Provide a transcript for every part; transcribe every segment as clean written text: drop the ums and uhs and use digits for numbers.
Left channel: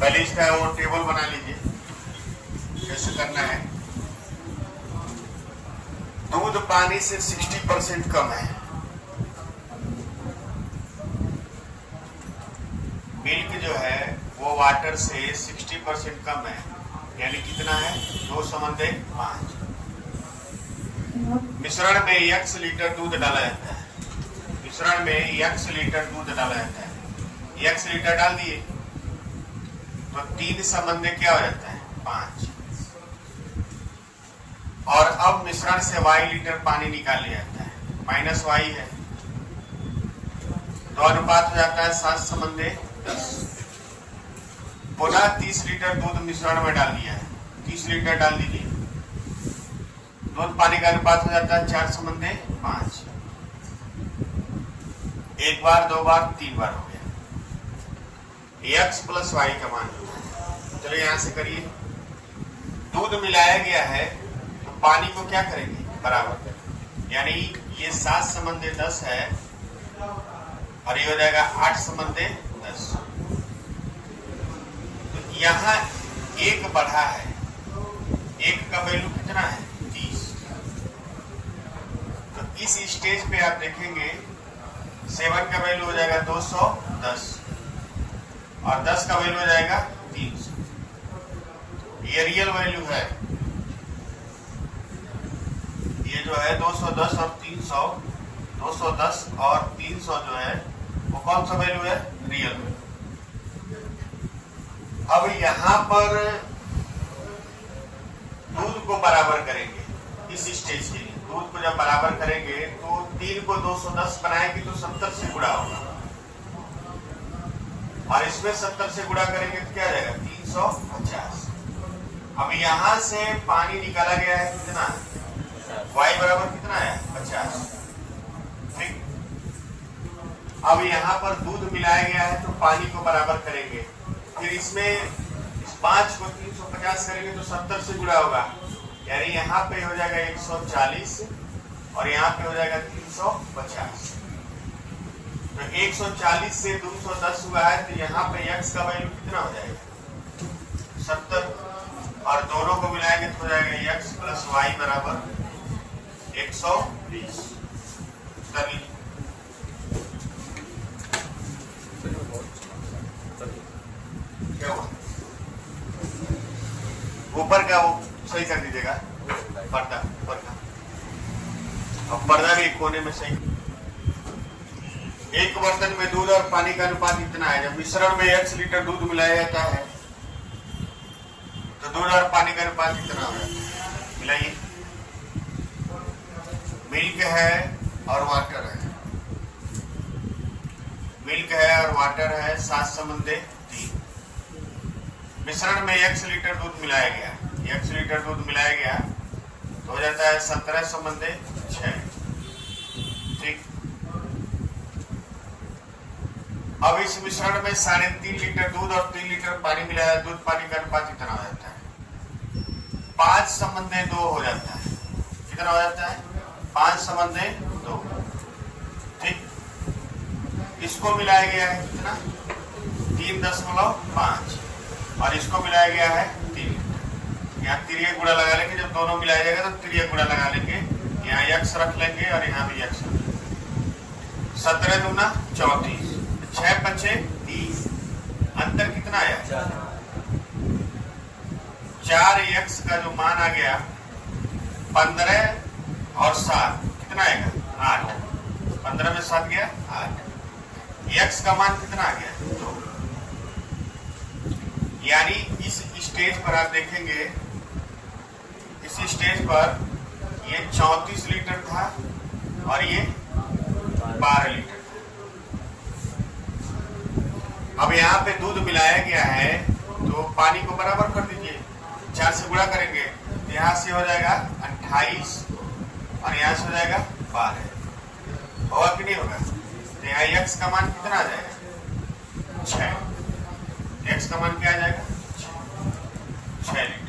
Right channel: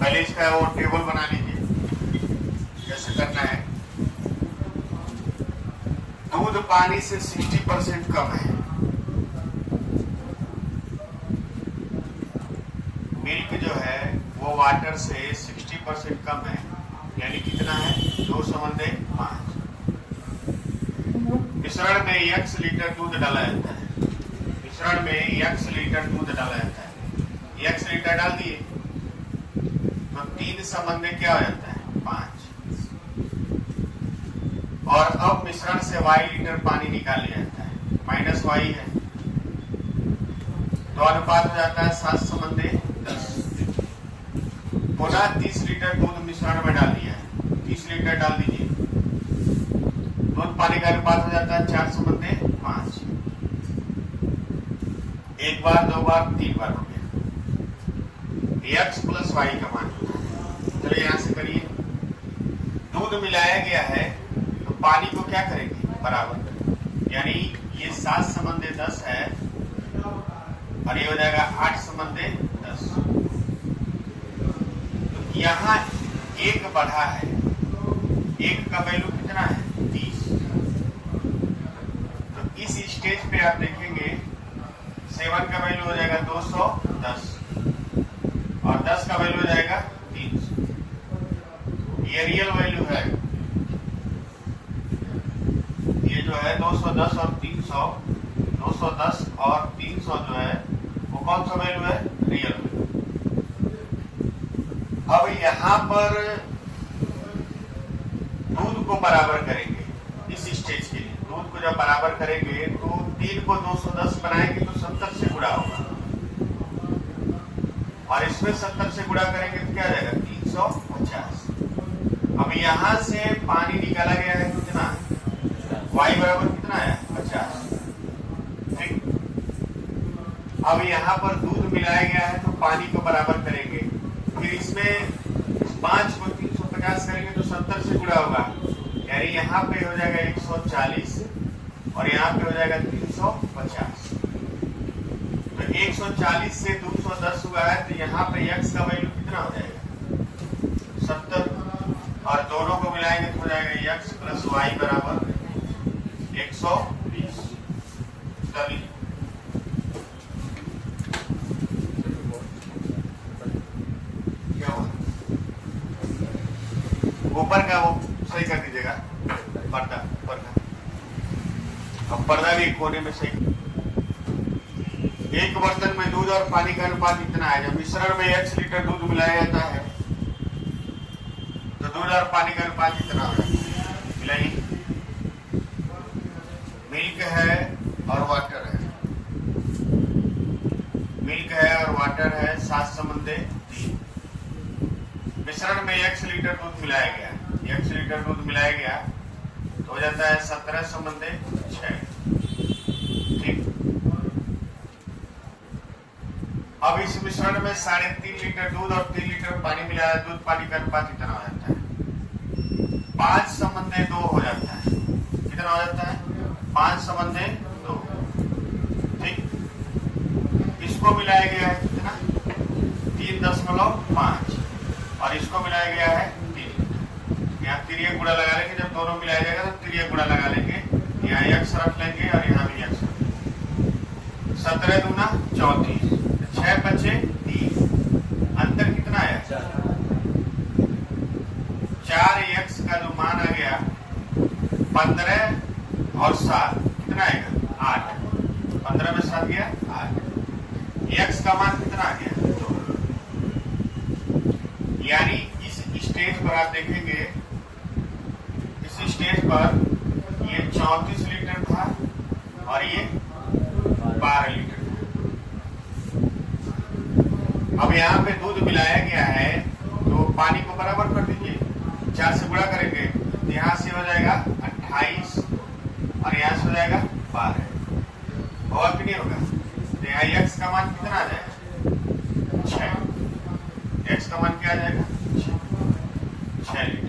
पहले इसका वो टेबल बना लीजिए, कैसे करना है। दूध पानी से 60% कम है, मिल्क जो है वो वाटर से 60% कम है, यानी कितना है 2/5। मिश्रण में x लीटर दूध डाला जाता है, मिश्रण में x लीटर दूध डाला जाता है, x लीटर डाल दिए तो 3 क्या हो जाता है 5। और अब मिश्रण से y लीटर पानी निकाल लिया जाता है, माइनस y है, तो अनुपात हो जाता है 7/10। पुनः 30 लीटर दूध मिश्रण में डाल दिया है, 30 लीटर डाल दीजिए, दूध पानी का अनुपात हो जाता है 4/5। एक बार, दो बार, 3 बार हो गया। x प्लस y का मान, चलो यहां से करिए। दूध मिलाया गया है तो पानी को क्या करेंगे बराबर, यानी ये 7/10 है और ये हो जाएगा 8/10। तो यहाँ एक बढ़ा है, एक का वैल्यू कितना है 30। तो इस स्टेज पे आप देखेंगे 7 का वैल्यू हो जाएगा 210 और 10 का वैल्यू हो जाएगा 300। ये रियल वैल्यू है, ये जो है 210 और 300, 210 और 300 जो है वो कौन सा वैल्यू है, रियल वैल्यू। अब यहां पर दूध को बराबर करेंगे इस स्टेज के लिए, दूध को जब बराबर करेंगे तो 3 को 210 बनाएंगे तो 70 से गुणा होगा और इसमें 70 से गुणा करेंगे तो क्या आ जाएगा 350। अब यहां से पानी निकाला गया है कितना, y बराबर कितना है 50। ठीक, अब यहां पर दूध मिलाया गया है तो पानी को बराबर करेंगे, फिर इसमें 5 को 350 करेंगे तो 70 से गुणा होगा, यानी यहाँ पे हो जाएगा 140 और यहाँ पे हो जाएगा 350। तो 140 से 210 हुआ है तो यहाँ पे x का वैल्यू कितना हो जाएगा 70 और दोनों को मिलाएंगे तो हो जाएगा x प्लस y बराबर 120। क्या हुआ, ऊपर का वो सही कर दीजिएगा, पर्दा ऊपर का, अब पर्दा भी कोने में सही। एक बर्तन में दूध और पानी का अनुपात इतना है, जब मिश्रण में x लीटर दूध मिलाया जाता है तो दूध और पानी का अनुपात इतना हो जाता है। मिलाइए, मिल्क है और वाटर है, मिल्क है और वाटर है 7/3। मिश्रण में x लीटर दूध मिलाया गया, x लीटर दूध मिलाया गया तो हो जाता है 17/6। ठीक, अब इस मिश्रण में 3.5 लीटर दूध और 3 लीटर पानी मिलाया, दूध पानी का अनुपात इतना हो जाता है 5/2 हो जाता है। कितना हो जाता है 5/2। ठीक, इसको मिलाया गया है कितना 3.5 और इसको मिलाया गया है 3। यहाँ तिरिया गुणा लगा लेंगे, जब दोनों मिलाया जाएगा तो तिरिया गुणा लगा लेंगे, यहाँ x रख लेंगे और यहाँ भी x। 17 दूना 34, 6 5 30, अंतर कितना आया 4x का जो मान आ गया 15 और 7 कितना आएगा 8, 15 में 7 गया 8, x का मान कितना आ गया 2। यानी इस स्टेज पर आप देखेंगे, इस स्टेज पर ये 34 लीटर था और ये 12 लीटर था। अब यहाँ पे दूध मिलाया गया है तो पानी को बराबर कर दीजिए, 4 से गुणा करेंगे तो यहाँ से हो जाएगा 28 और यहाँ से हो जाएगा 12। होगा कि नहीं होगा, तो यहाँ x का मान कितना आ जाएगा 6। x का मान क्या आ जाएगा 6 लीटर।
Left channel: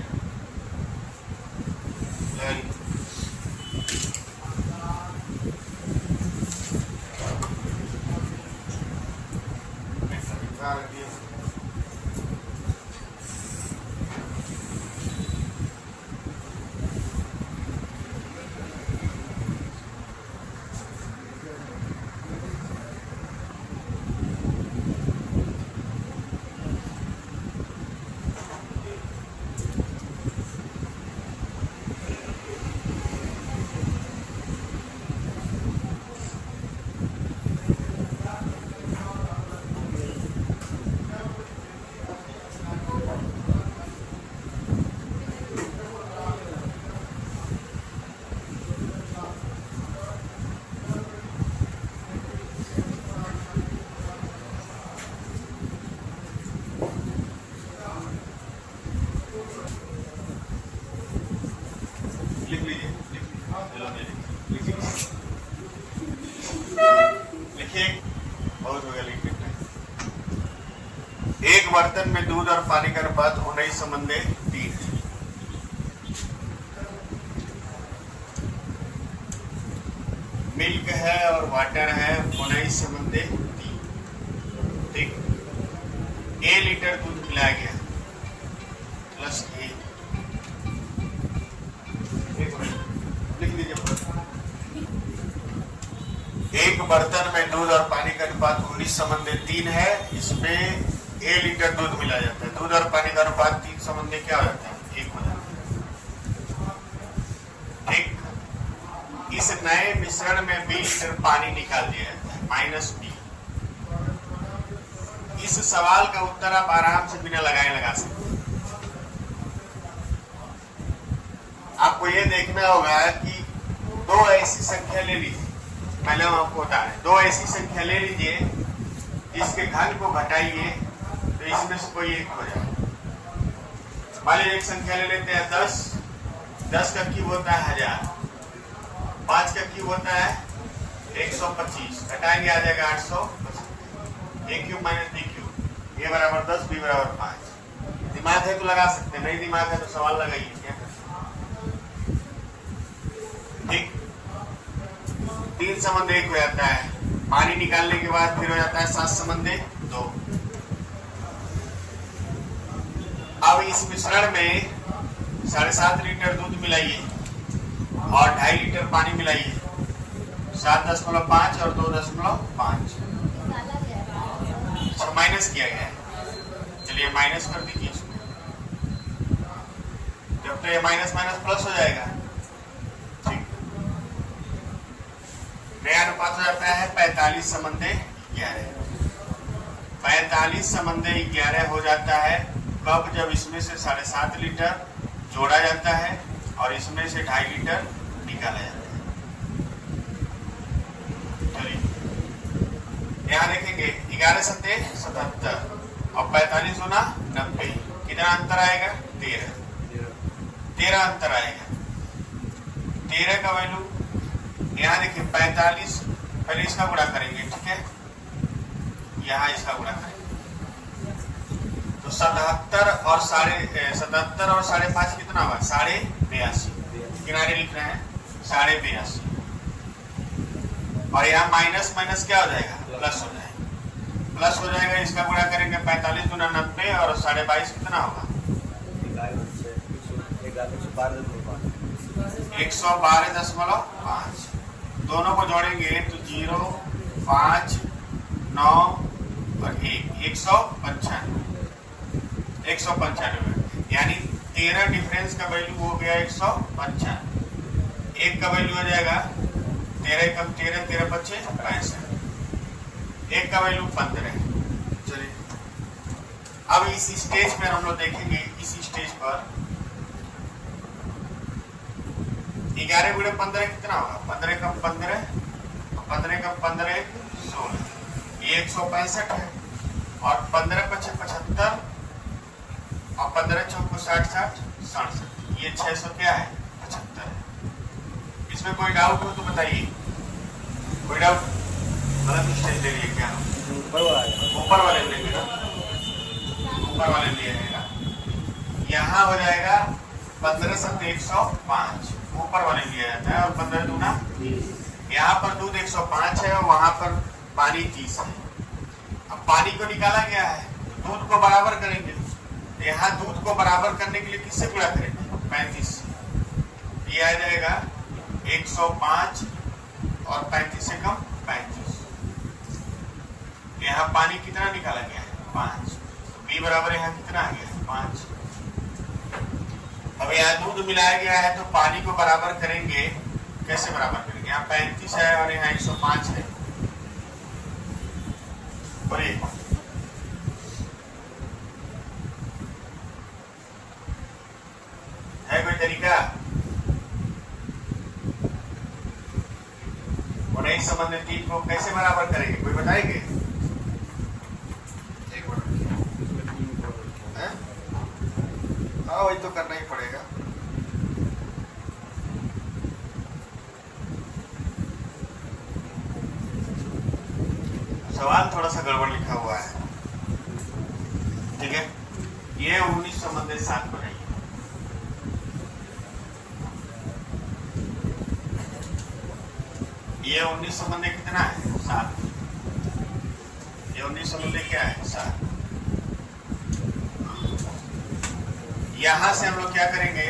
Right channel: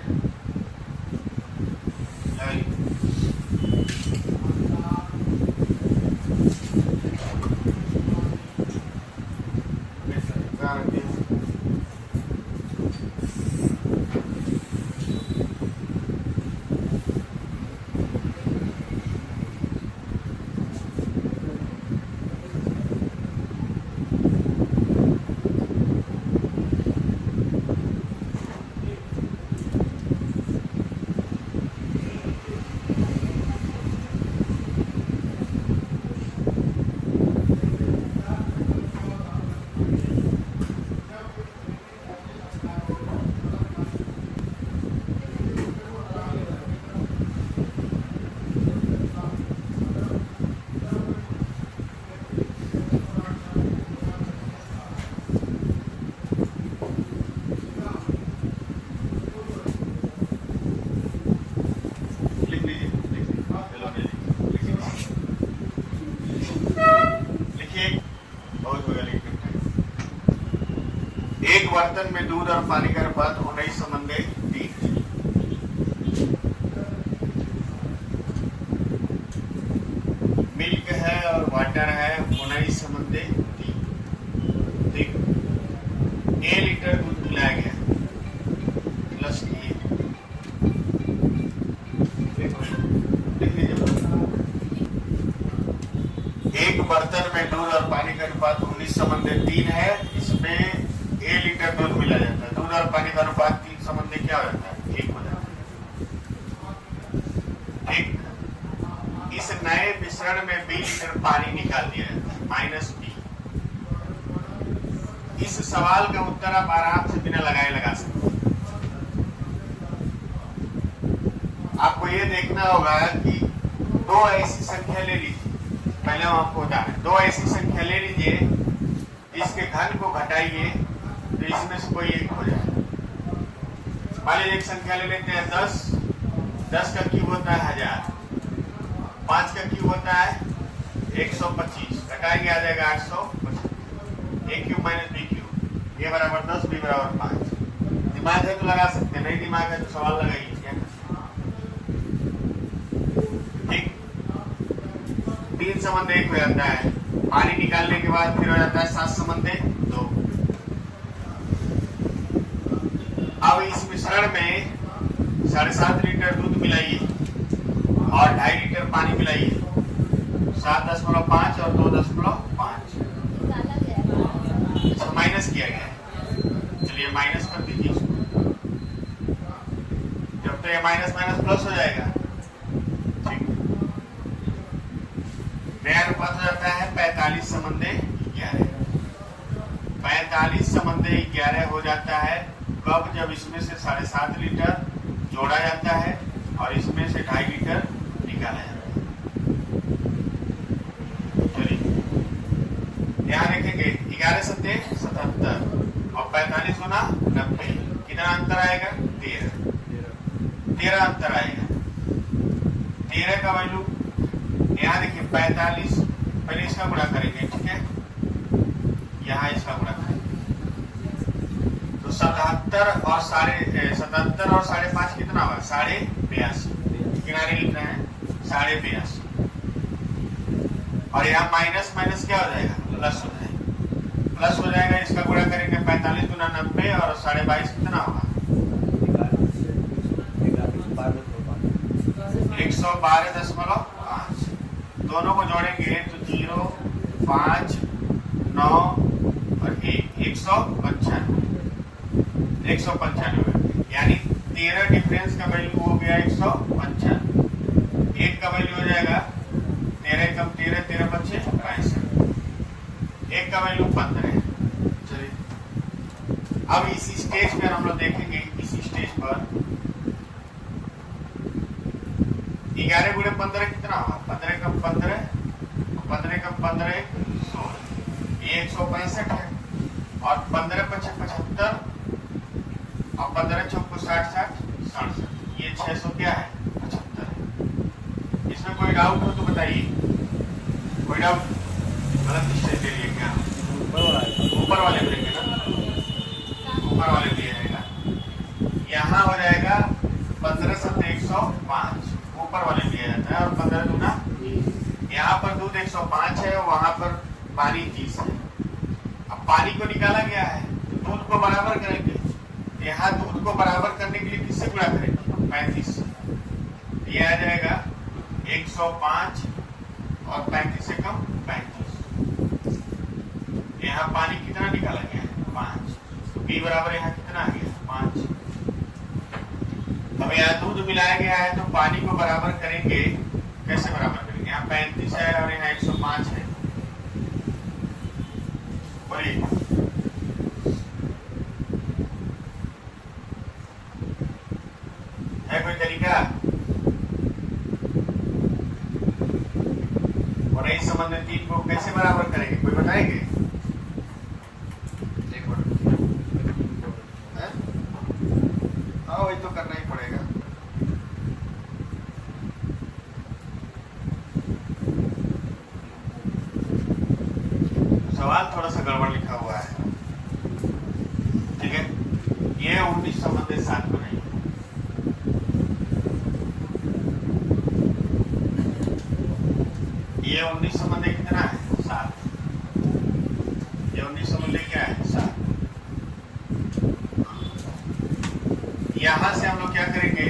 एक बर्तन में दूध और पानी का अनुपात 19:3। मिल्क है और वाटर है 19:3। ठीक, A लीटर दूध मिलाया गया प्लस A। लिख लीजिए, एक बर्तन में दूध और पानी का अनुपात 19:3 है। इसमें A लीटर दूध मिला जाता है। दूध और पानी का अनुपात 3 क्या हो जाता है? 1 हो जाता है। ठीक, इस नए मिश्रण में B लीटर पानी निकाल दिया जाता है -B। इस सवाल का उत्तर आप आराम से बिना लगाए लगा सकते हैं। आपको ये देखना होगा कि दो ऐसी संख्या ले लीजिए। पहले हम आपको बता रहे हैं, दो ऐसी संख्या ले लीजिए जिसके घन को घटाइए तो इसमें से कोई एक हो जाए। मान लीजिए एक संख्या ले लेते हैं 10। 10 का क्यूब होता है 1000। 5 का क्यूब होता है 125। घटाएंगे आ जाएगा 825। A cube minus B cube, A बराबर 10, B बराबर 5। दिमाग है तो लगा सकते हैं, नहीं दिमाग है तो सवाल लगाइए। क्या कर सकते? ठीक, 3:1 हो जाता है। पानी निकालने के बाद फिर हो जाता है 7:2। अब इस मिश्रण में 7.5 लीटर दूध मिलाइए और 2.5 लीटर पानी मिलाइए। 7.5 और 2.5 माइनस किया गया है। चलिए माइनस कर दीजिए इसको। जब तो ये माइनस माइनस प्लस हो जाएगा। ठीक, नया अनुपात हो जाता है 45:11। 45:11 हो जाता है कब? जब इसमें से 7.5 लीटर जोड़ा जाता है और इसमें से 2.5 लीटर निकाला जाता है। चलिए यहाँ देखेंगे 11 सत्ते 77 और 45 गुना 90। कितना अंतर आएगा? 13 अंतर आएगा। 13 का वैल्यू यहाँ देखिए 45। पहले इसका गुणा करेंगे, ठीक है, यहाँ इसका गुणा करेंगे तो 77 और 5.5 कितना होगा? 82.5। किनारे लिख रहे हैं 82.5 और यहाँ माइनस माइनस क्या हो जाएगा? प्लस हो जाएगा। प्लस हो जाएगा, इसका गुणा करेंगे 45 गुना 90 और 22.5 कितना होगा? 112.5। दोनों को जोड़ेंगे तो 0, 5, 9 और 1, 195। यानी 13 डिफरेंस का वैल्यू हो गया 195। एक का वैल्यू हो जाएगा 13 कम 13, 13 बचे 65। एक का वैल्यू 15। चलिए अब इसी स्टेज पर हम लोग देखेंगे, इसी स्टेज पर 11 गुणे 15 कितना होगा? 15 कम 15, 15 कम 15 16। ये 165 है और 15 पचे 75 और 15 चौको 60 60 67। ये 600 क्या है? 75 है। इसमें कोई डाउट हो तो बताइए। कोई डाउट? गलत स्टेज ले लिए क्या? ऊपर वाले में लेंगे ना, ऊपर वाले में जाएगा। यहाँ हो जाएगा 15 सत्ते 105, ऊपर वाले लिया जाता है और 15 दूना। यहाँ पर दूध 105 है और वहां पर पानी 30 है। अब पानी को निकाला गया है तो दूध को बराबर करेंगे। यहाँ दूध को बराबर करने के लिए किससे गुणा करेंगे? 35 से। ये आ जाएगा 105 और 35 से कम 35। यहाँ पानी कितना निकाला गया है? 5। तो B बराबर यहाँ कितना आ गया? 5। अब यहाँ दूध मिलाया गया है तो पानी को बराबर करेंगे। कैसे बराबर करेंगे? यहाँ 35 है और यहाँ 105 है और है कोई तरीका? और एक संबंध 3 को कैसे बराबर करेंगे? कोई बताएंगे? वही तो करना ही पड़ेगा। सवाल थोड़ा सा गड़बड़ लिखा हुआ है। संबंध 7 बनाइए। ये 19 संबंध कितना है? 7। ये 19 संबंध क्या है? 7। यहां से हम लोग क्या करेंगे?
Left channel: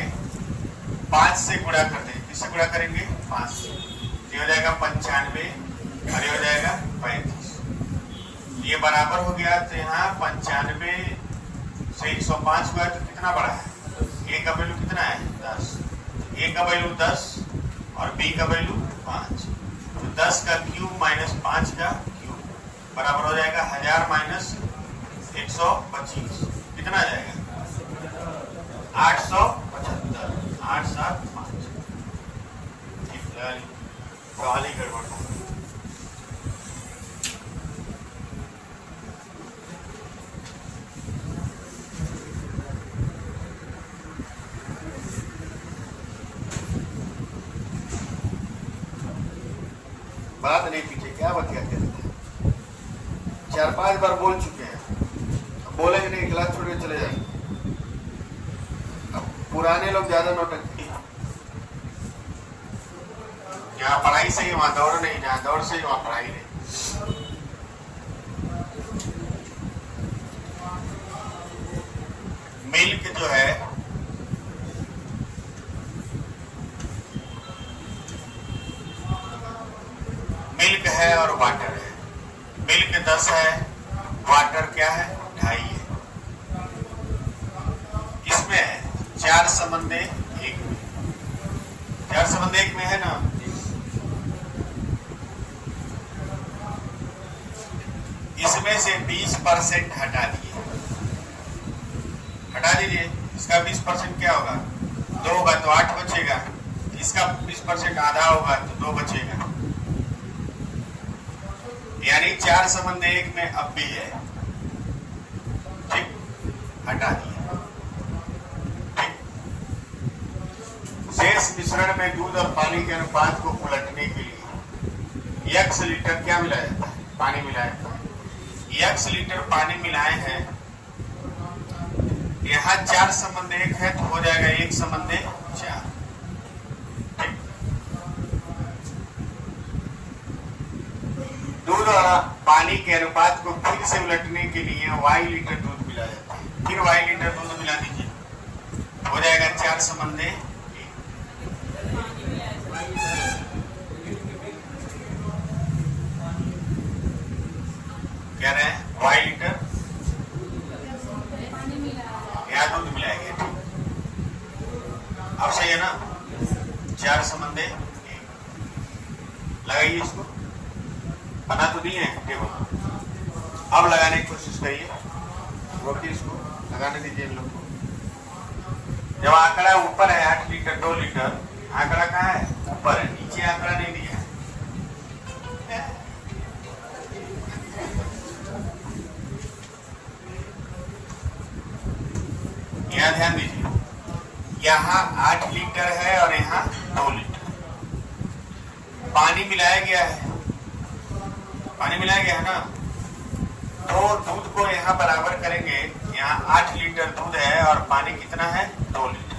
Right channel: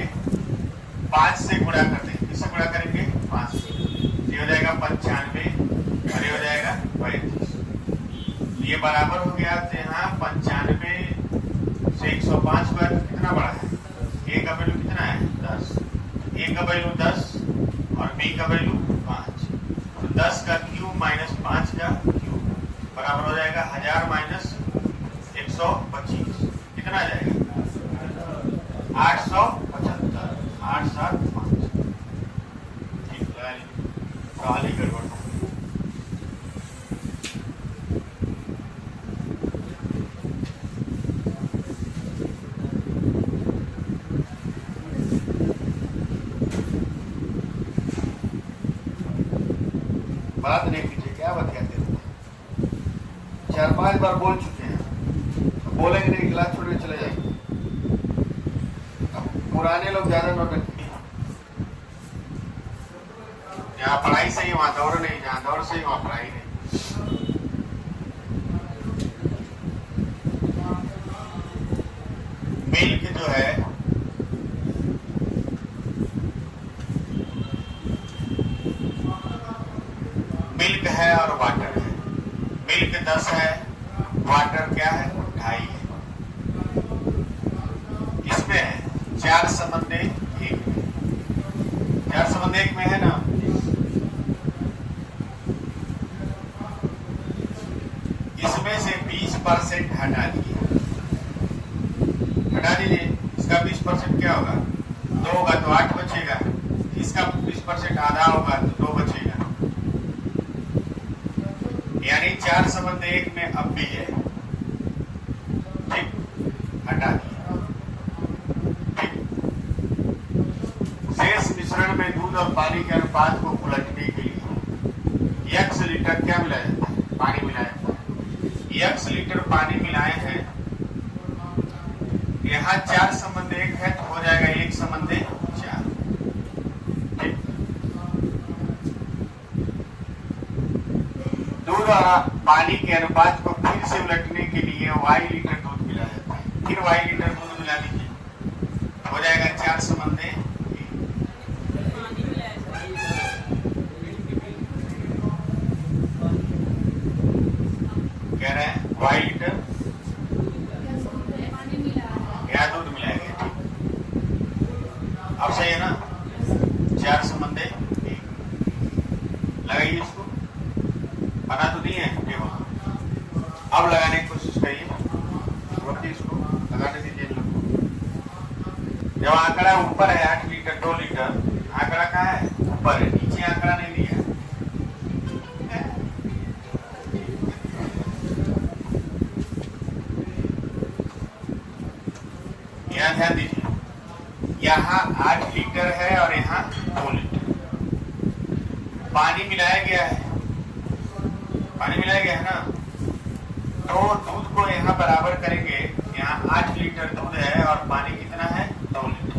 5 से गुणा करते हैं। किससे गुणा करेंगे? 5 से। ये हो जाएगा 95 और ये हो जाएगा 35। ये बराबर हो गया। तो यहाँ 95 से 105 का तो कितना बड़ा है? ए का वैल्यू कितना है? 10। ए का वैल्यू 10 और बी का वैल्यू 5। तो 10 का क्यूब माइनस 5 का क्यूब बराबर हो जाएगा 1000 माइनस 125। कितना आ जाएगा? 875। 875। ठीक है, गाली गड़बड़। बात नहीं पीछे क्या बात कहते हैं? 4-5 बार बोल चुके हैं, तो बोलेंगे नहीं, क्लास छोड़ के चले जाएंगे। अब पुराने लोग ज्यादा नौटंकी। यहाँ पढ़ाई सही, वहां दौड़ नहीं, जहाँ दौड़ सही वहां पढ़ाई नहीं। मिल्क जो है मिल्क है और वाटर है। मिल्क 10 है, वाटर क्या है? 2.5 है। इसमें है 4 संबंध 1 में। 4 संबंध 1 में है ना? इसमें से 20% हटा दिए। हटा दीजिए। इसका 20% क्या होगा? 2 होगा तो 8 बचेगा। इसका 20% आधा होगा तो 2 बचेगा। यानी 4 संबंध 1 में अब भी है। ठीक, हटा दिए। ठीक। शेष मिश्रण में दूध और पानी के अनुपात को उलटने के लिए x लीटर क्या मिलाया जाता है? पानी मिलाया जाता है। x लीटर पानी मिलाए हैं। यहाँ 4 संबंध 1 है तो हो जाएगा 1 संबंध 4। ठीक। दूध और पानी के अनुपात को फिर से उलटने के लिए y लीटर दूध मिलाया जाता है। फिर y लीटर दूध मिला दीजिए, हो जाएगा 4 संबंध 1। कह रहे हैं y लीटर या दूध मिलाएंगे। अब सही है ना? 4 संबंध 1। लगाइए इसको। बना तो नहीं है टेबल, अब लगाने की कोशिश करिए। वक्त इसको लगाने दीजिए हम लोग को। जब आंकड़ा ऊपर है 8 लीटर 2 लीटर, आंकड़ा कहाँ है? ऊपर है, नीचे आंकड़ा नहीं दिया है। यहाँ ध्यान दीजिए, यहाँ 8 लीटर है और यहाँ 2 लीटर पानी मिलाया गया है। पानी मिलाया गया है ना? तो दूध को यहाँ बराबर करेंगे। यहाँ 8 लीटर दूध है और पानी कितना है? 2 लीटर।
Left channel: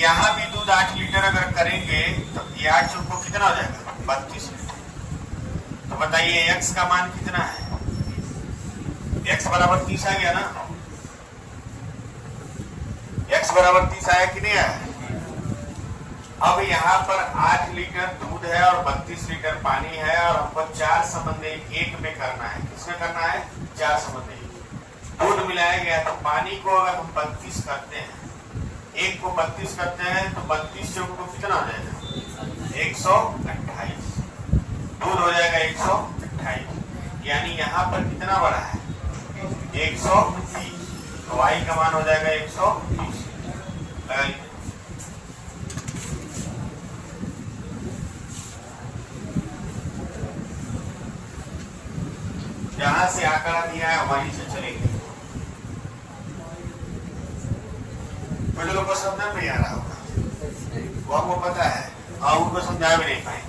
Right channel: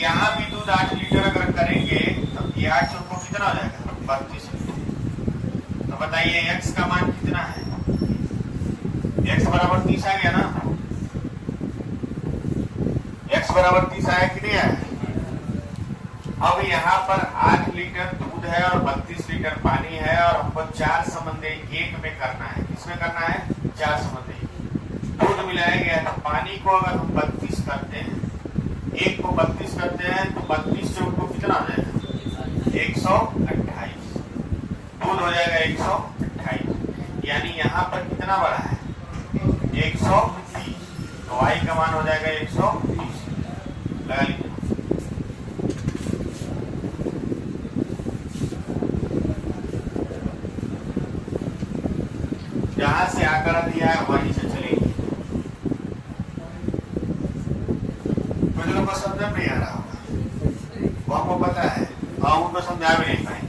यहाँ भी दूध 8 लीटर अगर करेंगे तो ये 8 चौको कितना हो जाएगा? 32 लीटर। तो बताइए x का मान कितना है? x बराबर 30 आ गया ना? x बराबर 30 आया कि नहीं आया? अब यहाँ पर 8 लीटर दूध है और 32 लीटर पानी है और हमको 4 संबंध 1 में करना है। किसमें करना है? 4 संबंध 1। दूध मिलाया गया तो पानी को अगर हम 32 करते हैं, 1 को 32 करते हैं तो 32 चौक को कितना हो जाएगा? 128। दूध हो जाएगा 128। यानी यहाँ पर कितना बड़ा है? 130। तो y का मान हो जाएगा 130। लगा लीजिए। जहां से आंकड़ा दिया है वहीं से चलेंगे। कुछ लोगों को समझ नहीं आ रहा होगा, वो आपको पता है, और उनको समझा भी नहीं पाएंगे।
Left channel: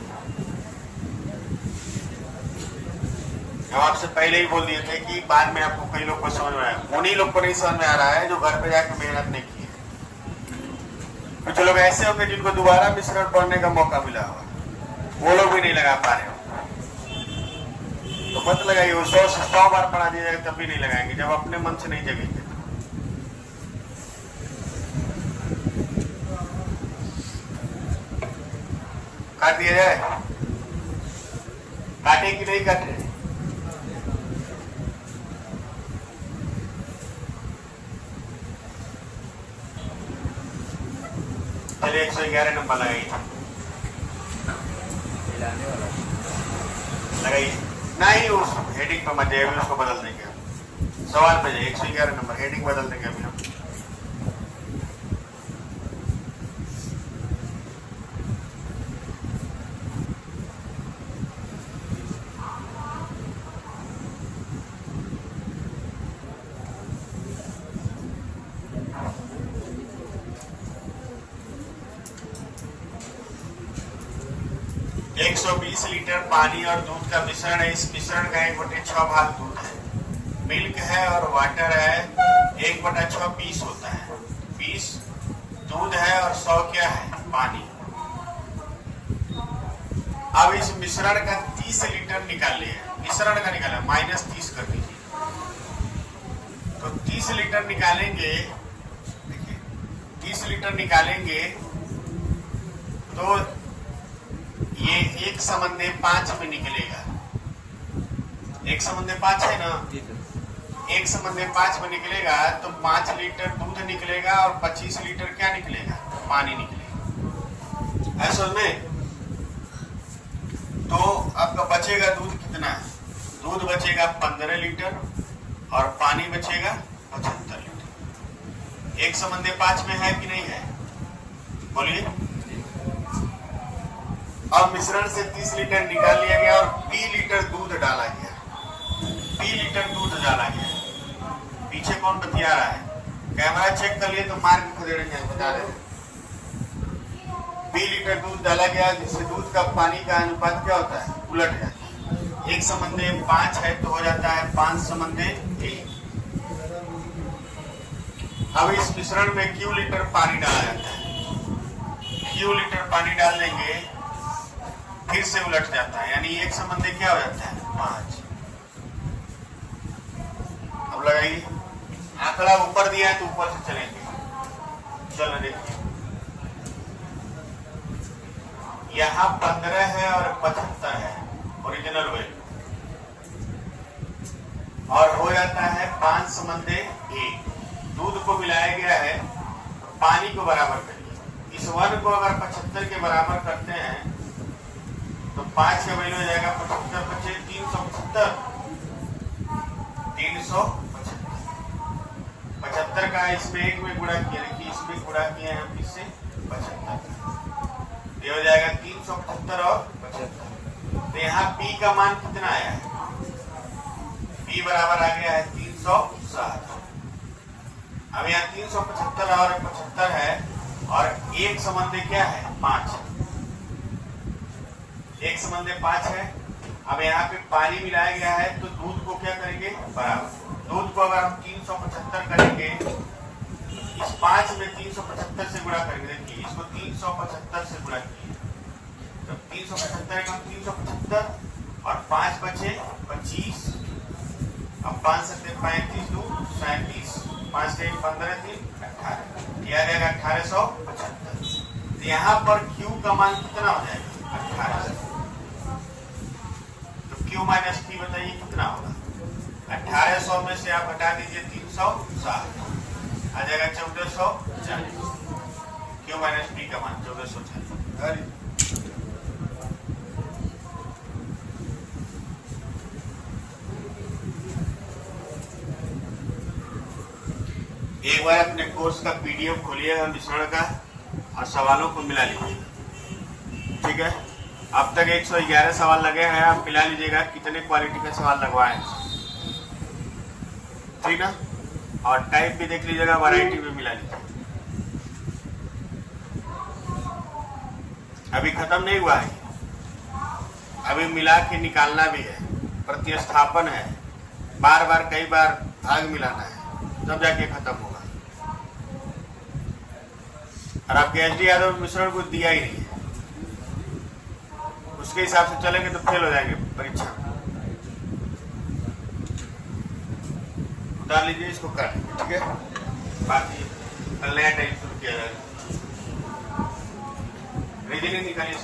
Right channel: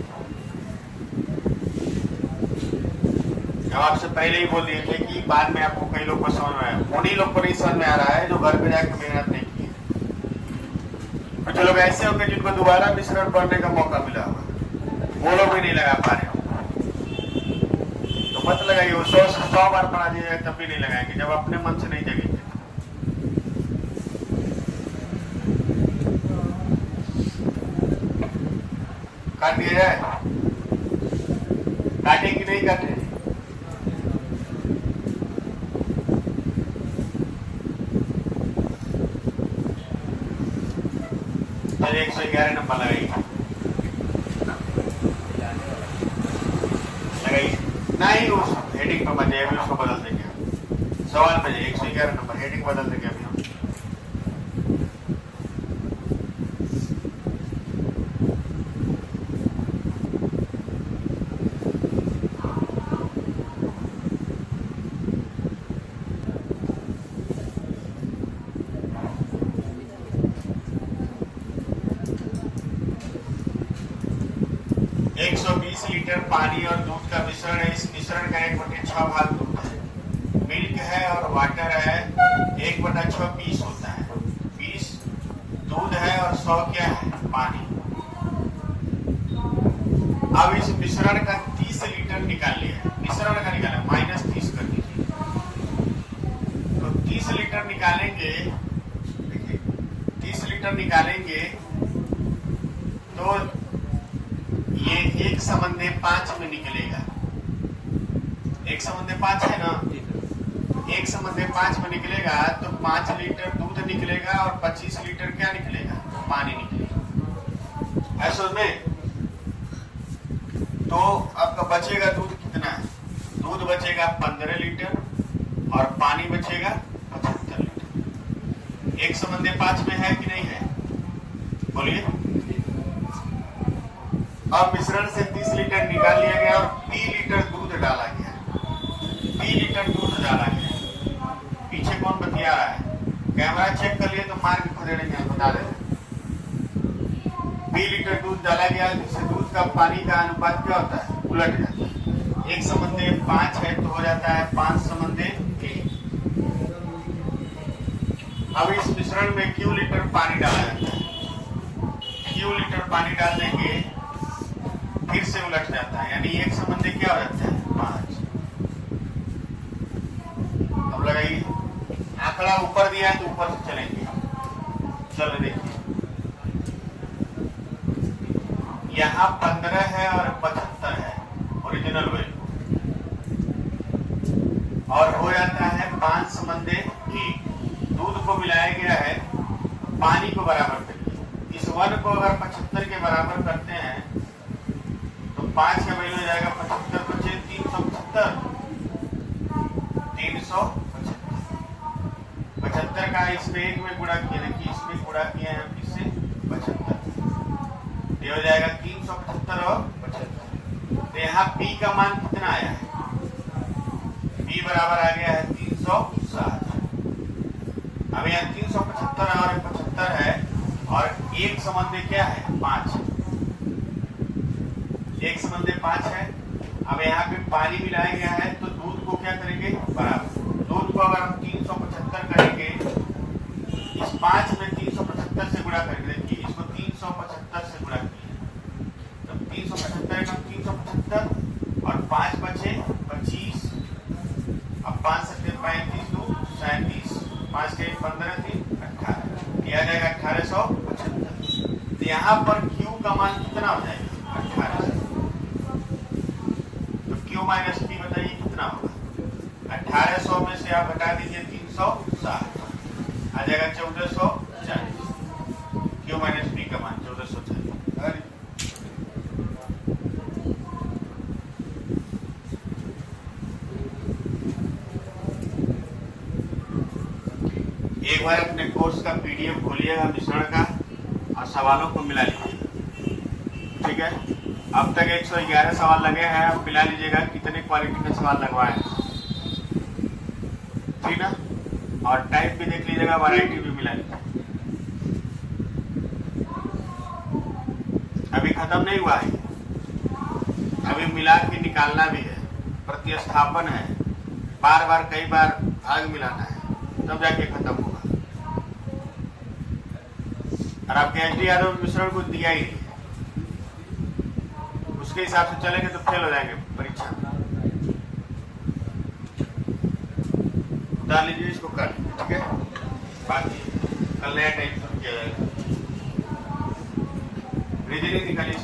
हम आपसे पहले ही बोल दिए थे कि बाद में आपको कई लोग को समझ में आया, उन्हीं लोग को नहीं समझ में आ रहा है जो घर पे जाके मेहनत नहीं की है। कुछ लोग ऐसे होंगे जिनको दोबारा मिश्रण पढ़ने का मौका मिला होगा, वो लोग भी नहीं लगा पा रहे हो। तो मत लगाइए, वो 100 बार पढ़ा दिया जाए तब भी नहीं लगाएंगे जब अपने मन से नहीं जगेंगे। काट दिया जाए, काटे कि नहीं काटे? चलिए 111 नंबर लगाइए, लगाइए नहीं, उस हेडिंग पर मत जाइए, उसको बदल देंगे। सवाल पे जाइए, 111 नंबर हेडिंग बदल देंगे अभी हम। एक 120 लीटर पानी और दूध का मिश्रण है। इस मिश्रण का 1/6 भाग दूध है, मिल्क है और वाटर है। 1/6 20 होता है, 20 दूध है और 100 क्या है? पानी। अब इस मिश्रण का 30 लीटर निकाल लिया, मिश्रण का निकाला, -30 कर दीजिए। तो 30 लीटर निकालेंगे, देखिए 30 लीटर निकालेंगे तो ये 1/5 में निकलेगा। 1/5 है ना, 1/5 में निकलेगा तो 5 लीटर दूध निकलेगा और 25 लीटर क्या निकलेगा? पानी निकलेगा। ऐसा में तो आपका बचेगा दूध कितना है? दूध बचेगा 15 लीटर और पानी बचेगा 75 लीटर। 1/5 में है कि नहीं है? बोलिए। अब मिश्रण से 30 लीटर निकाल लिया गया और 20 लीटर दूध डाला गया। 20 लीटर दूध डाला गया। पीछे कौन बतिया रहा है? कैमरा चेक कर लिए तो मार के खदेड़ेंगे, बता रहे। 20 लीटर दूध डाला गया, जिससे दूध का पानी का अनुपात क्या होता है? उलट जाता है। 1/5 है तो हो जाता है 5/1। अब इस मिश्रण में क्यू लीटर पानी डाला जाता है। क्यू लीटर पानी डालने के फिर से उलट जाता है, यानी 1 क्या हो जाता है? 5। अब लगाइए, आंकड़ा ऊपर दिया है तो ऊपर से चलेंगे। चलो देखिए, यहाँ 15 है और 75 है ओरिजिनल वेट, और हो जाता है 5/1। दूध को मिलाया गया है, पानी को बराबर करिए। इस 1 को अगर 75 के बराबर करते हैं तो 5 का वैल्यू हो जाएगा 75 × 375। 375 75 का इसमें 1 में गुणा किया, देखिए इसमें गुणा किया है किससे? 75। ये हो जाएगा 375 और 75। तो यहाँ P का मान कितना आया है? P बराबर आ गया है 360। अब यहाँ 375 और 75 है और 1 क्या है? 5। 1/5 है। अब यहाँ पे पानी मिलाया गया है तो दूध को क्या करेंगे? बराबर। दूध को अगर हम 375 करेंगे, इस 5 में 375 से गुणा करेंगे, देखिए इसको 375 से गुणा किया तो 375 का 375 और 5 बचे 25। अब 5 से 35 दूध 37, 5 से 15 3 18, किया जाएगा 1875। तो यहाँ पर Q का मान कितना हो जाएगा? 18। Q माइनस P बताइए कितना होगा? 1800 में से आप हटा दीजिए 360, आ जाएगा 1440। Q माइनस P का मान 1440। एक बार अपने कोर्स का PDF खोलिएगा मिश्रण का और सवालों को मिला लीजिएगा, ठीक है? अब तक 111 सवाल लगे हैं, आप मिला लीजिएगा कितने क्वालिटी के सवाल लगवाए, ठीक है? और टाइप भी देख लीजिएगा, वैरायटी भी मिला लीजिएगा। अभी खत्म नहीं हुआ है, अभी मिला के निकालना भी है। प्रतिस्थापन है, बार बार कई बार भाग मिलाना है, तब जाके खत्म होगा। और आपके एच.डी. यादव मिश्रण कुछ दिया ही नहीं है, उसके हिसाब से चलेंगे तो फेल हो जाएंगे परीक्षा में। उतार लीजिए इसको कल, ठीक है। बाकी कल नया टाइम शुरू किया जाएगा। रीजनिंग निकालिए।